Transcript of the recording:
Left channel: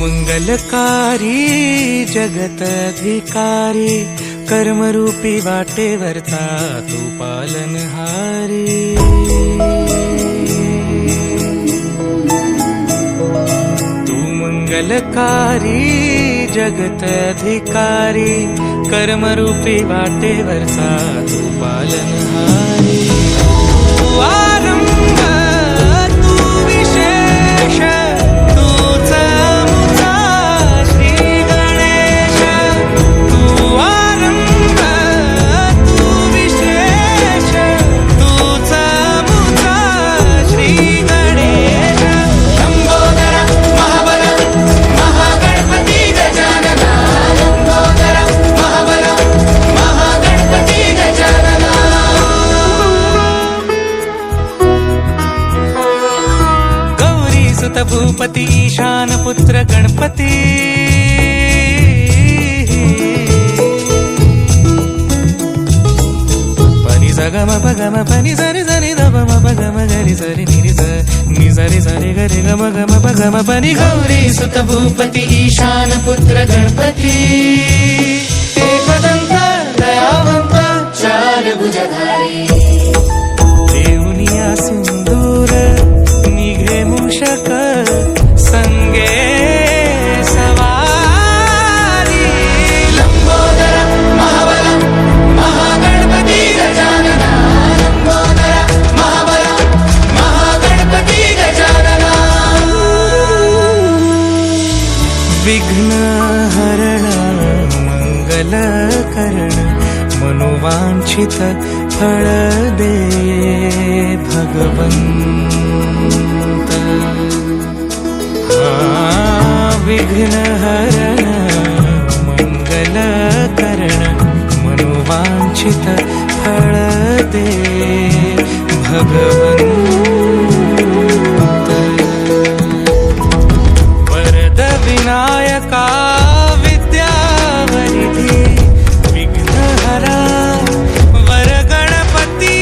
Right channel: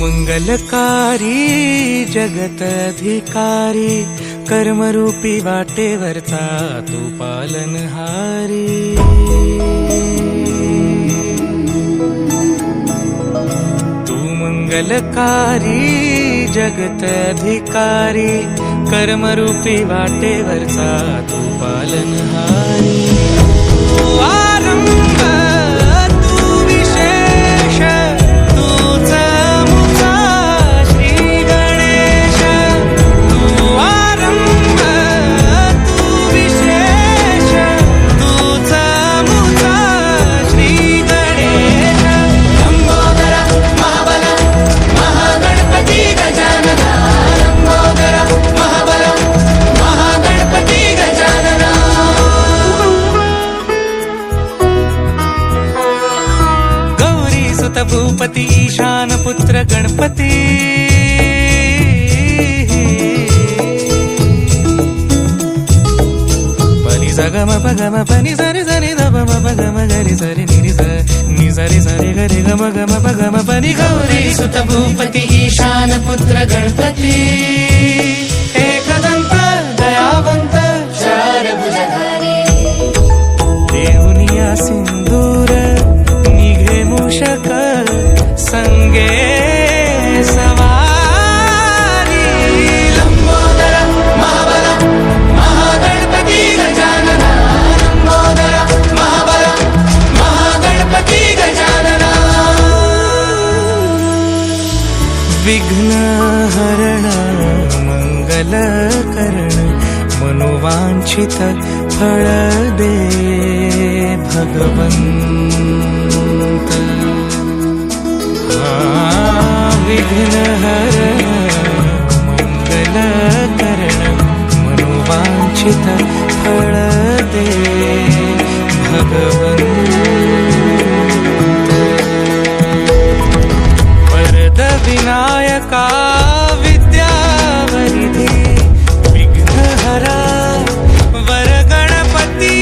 मंगलकारी जगत अधिकारी, कर्मरूपी वाटेवरचा तू पालनहारी। तू मंगलकारी जगत अधिकारी, कर्मरूपी वाटेवरचा तू पालनहारी। तू आरंभ तू विशेष, तूच मुचा श्री गणेश। तू आरंभ तू विशेष, तूच मुचा श्री गणेश। लंबोदर महाबल महागणपती गजानना, लंबोदर महाबल महागणपती गजानना। गौरी सुत भूपती ईशान पुत्र गणपती, पनी सगम पगम पनी सरी सरी दब म पगम गरी सरी निरी स नि सरी सरी गरी गम गम पगम पनी। गौरी सुत भूपती ईशान पुत्र गणपती, एकदंत दयावंत चार भुजधारी। देऊनिया सिंदूर निघे मूषक, संगे सवारी। लंबोदर महाबल महागणपती गजानना, लंबोदर महाबल महागणपती गजानना। विघ्न हरण मंगल करण, मनोवांछित फळ दे भगवंत। विघ्न हरण मंगल करण, मनोवांछित फळ दे भगवंत। वरद विनायका विद्यावरिधी, विघ्नहरा वर गणपती।